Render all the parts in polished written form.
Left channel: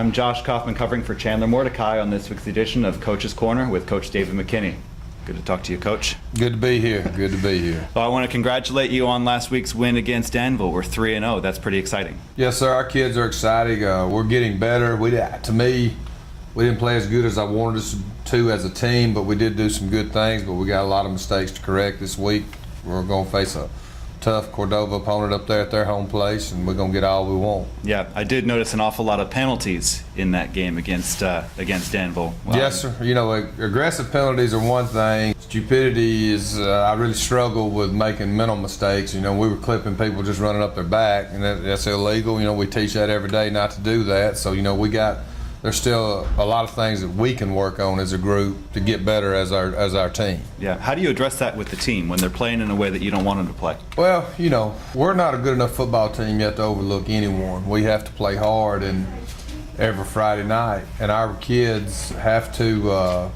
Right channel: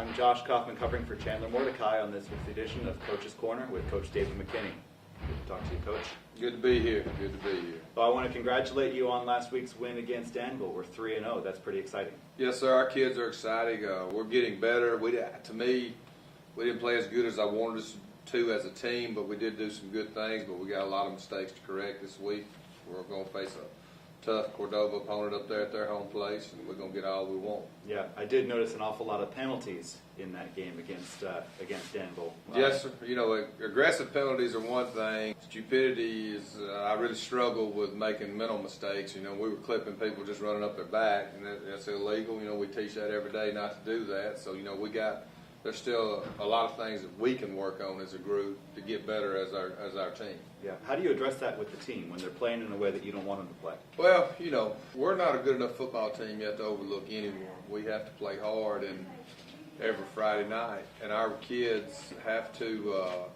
I'm Josh Kaufman covering for Chandler Mordecai on this week's edition of Coach's Corner with Coach David McKinney. Good to talk to you, Coach. Good to be here. Good to be here. Well, I want to congratulate you on last week's win against Danville. We're 3-0. That's pretty exciting. Yes, sir. Our kids are excited. We're getting better. To me, we didn't play as good as I wanted us to as a team, but we did do some good things. But we got a lot of mistakes to correct this week. We're going to face a tough Cordova opponent up there at their home place, and we're going to get all we want. Yeah, I did notice an awful lot of penalties in that game against Danville. Well, yes, sir. You know, aggressive penalties are one thing. Stupidity is, I really struggle with making mental mistakes. You know, we were clipping people just running up their back, and that's illegal. You know, we teach that every day not to do that. So, you know, there's still a lot of things that we can work on as a group to get better as our team. Yeah. How do you address that with the team when they're playing in a way that you don't want them to play? Well, you know, we're not a good enough football team yet to overlook anyone. We have to play hard and every Friday night, and our kids have to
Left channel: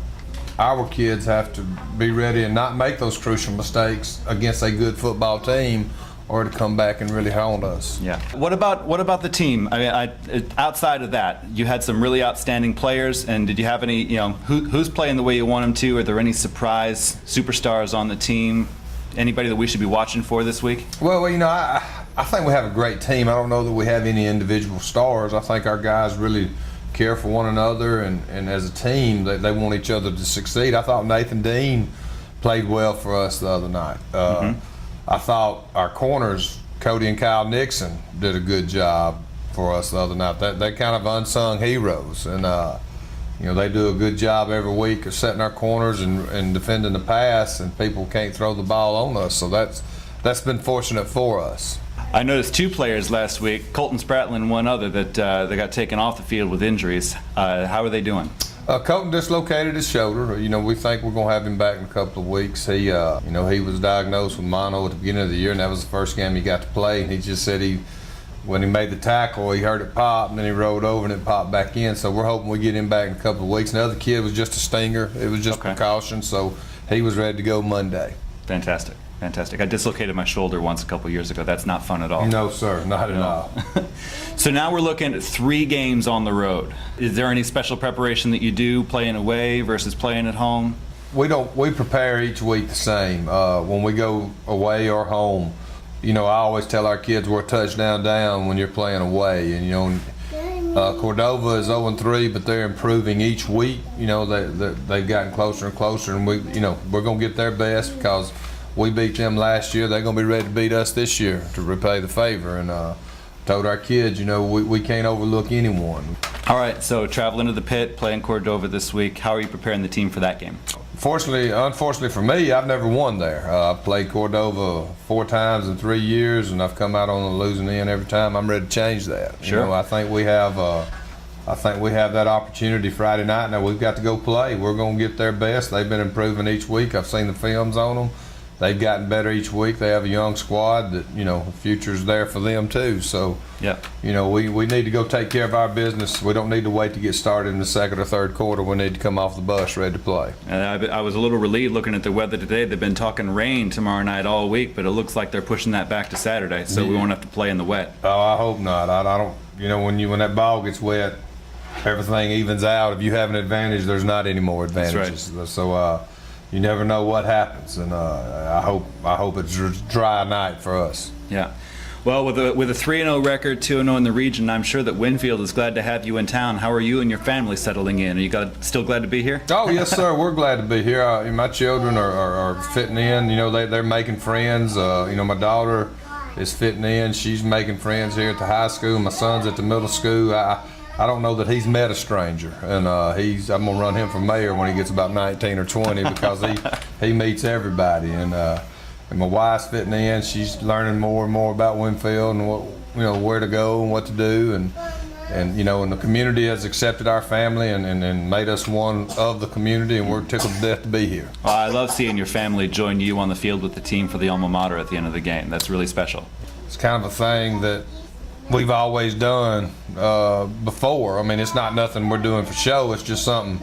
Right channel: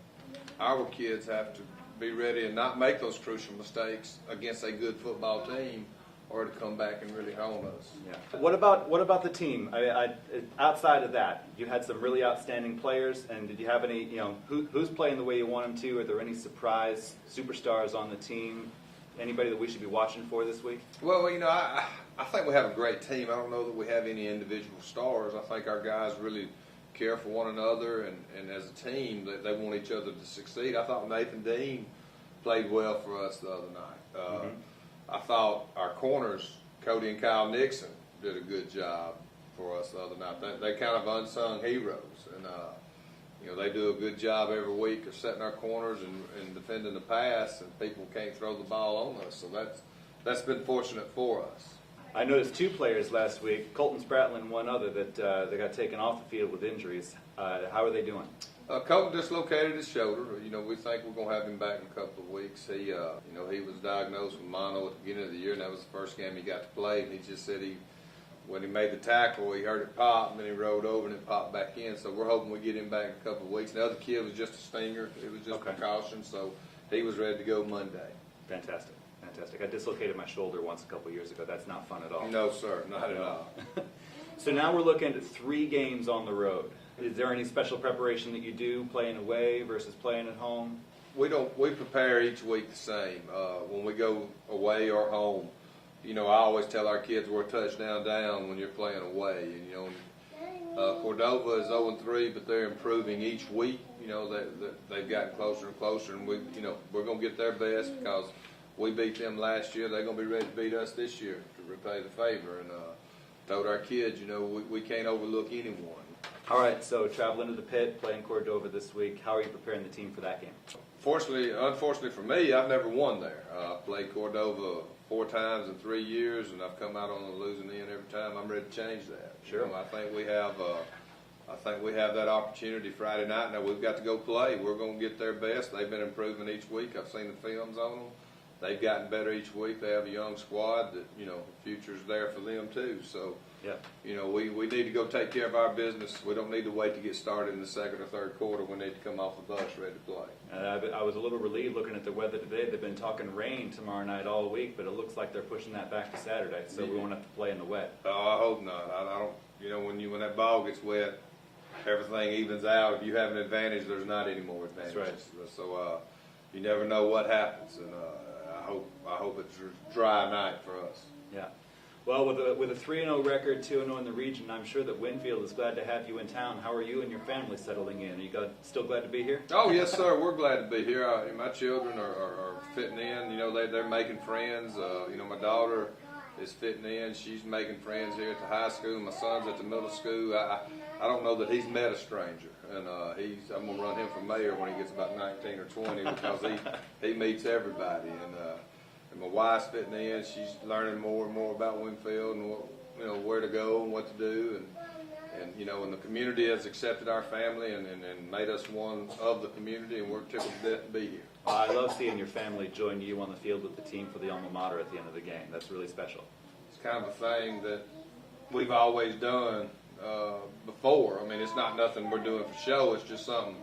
be ready and not make those crucial mistakes against a good football team, or to come back and really hound us. Yeah. What about the team? I mean, outside of that, you had some really outstanding players, and did you have any? You know, who's playing the way you want them to? Are there any surprise superstars on the team? Anybody that we should be watching for this week? Well, you know, I think we have a great team. I don't know that we have any individual stars. I think our guys really care for one another, and as a team, they want each other to succeed. I thought Nathan Dean played well for us the other night. I thought our corners, Cody and Kyle Nixon, did a good job for us the other night. They're kind of unsung heroes, and you know, they do a good job every week of setting our corners and defending the pass, and people can't throw the ball on us. So that's been fortunate for us. I noticed two players last week, Colton Spratlin and one other, that they got taken off the field with injuries. How are they doing? Colton dislocated his shoulder. You know, we think we're going to have him back in a couple of weeks. He was diagnosed with mono at the beginning of the year, and that was the first game he got to play. And he just said when he made the tackle, he heard it pop, and then he rolled over and it popped back in. So we're hoping we get him back in a couple of weeks. And the other kid was just a stinger. It was just precaution, so he was ready to go Monday. Fantastic. Fantastic. I dislocated my shoulder once a couple years ago. That's not fun at all. No, sir, not at all. So now we're looking at 3 games on the road. Is there any special preparation that you do playing away versus playing at home? We prepare each week the same. When we go away or home, you know, I always tell our kids we're a touchdown down when you're playing away. And, you know, Cordova is 0-3, but they're improving each week. You know, they've gotten closer and closer, and we're going to get their best because we beat them last year. They're going to be ready to beat us this year to repay the favor. And told our kids, you know, we can't overlook anyone. All right, so traveling to the pit, playing Cordova this week. How are you preparing the team for that game? Unfortunately for me, I've never won there. I've played Cordova 4 times in 3 years, and I've come out on the losing end every time. I'm ready to change that. Sure. You know, I think we have that opportunity Friday night. Now we've got to go play. We're going to get their best. They've been improving each week. I've seen the films on them. They've gotten better each week. They have a young squad that, you know, the future's there for them too. So, yeah, you know, we need to go take care of our business. We don't need to wait to get started in the second or third quarter. We need to come off the bus ready to play. I was a little relieved looking at the weather today. They've been talking rain tomorrow night all week, but it looks like they're pushing that back to Saturday, so we won't have to play in the wet. Oh, I hope not. I don't. You know, when that ball gets wet, everything evens out. If you have an advantage, there's not any more advantages. That's right. So. You never know what happens, and I hope it's a dry night for us. Yeah. Well, with a 3-0 record, 2-0 in the region, I'm sure that Winfield is glad to have you in town. How are you and your family settling in? Are you still glad to be here? Oh, yes, sir. We're glad to be here. My children are fitting in. You know, they're making friends. You know, my daughter is fitting in. She's making friends here at the high school. My son's at the middle school. I don't know that he's met a stranger, and I'm gonna run him for mayor when he gets about 19 or 20 because he meets everybody. And my wife's fitting in. She's learning more and more about Winfield and where to go and what to do, and you know, and the community has accepted our family and made us one of the community, and we're tickled to death to be here. Well, I love seeing your family join you on the field with the team for the alma mater at the end of the game. That's really special. It's kind of a thing that we've always done before. I mean, it's not nothing we're doing for show. It's just something,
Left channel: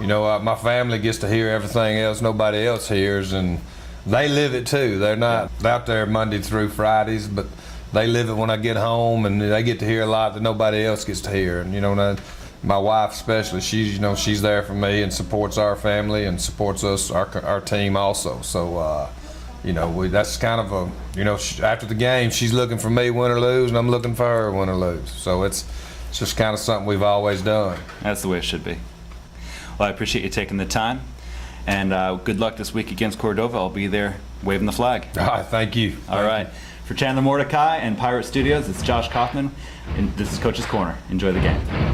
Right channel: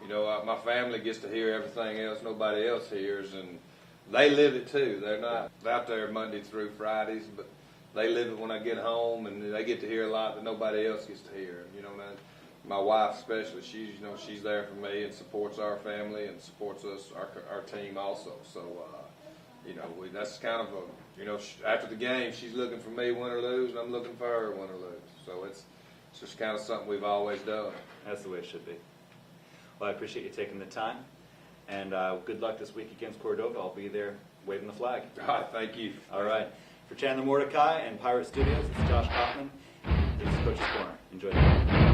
you know, my family gets to hear everything else nobody else hears, and they live it too. They're not out there Monday through Fridays, but they live it when I get home, and they get to hear a lot that nobody else gets to hear. And my wife especially, she's there for me and supports our family and supports us, our team also. So that's kind of after the game, she's looking for me, win or lose, and I'm looking for her, win or lose. So it's just kind of something we've always done. That's the way it should be. Well, I appreciate you taking the time, and good luck this week against Cordova. I'll be there waving the flag. All right, thank you. All right. For Chandler Mordecai and Pirate Studios, it's Josh Kaufman, and this is Coach's Corner. Enjoy the game.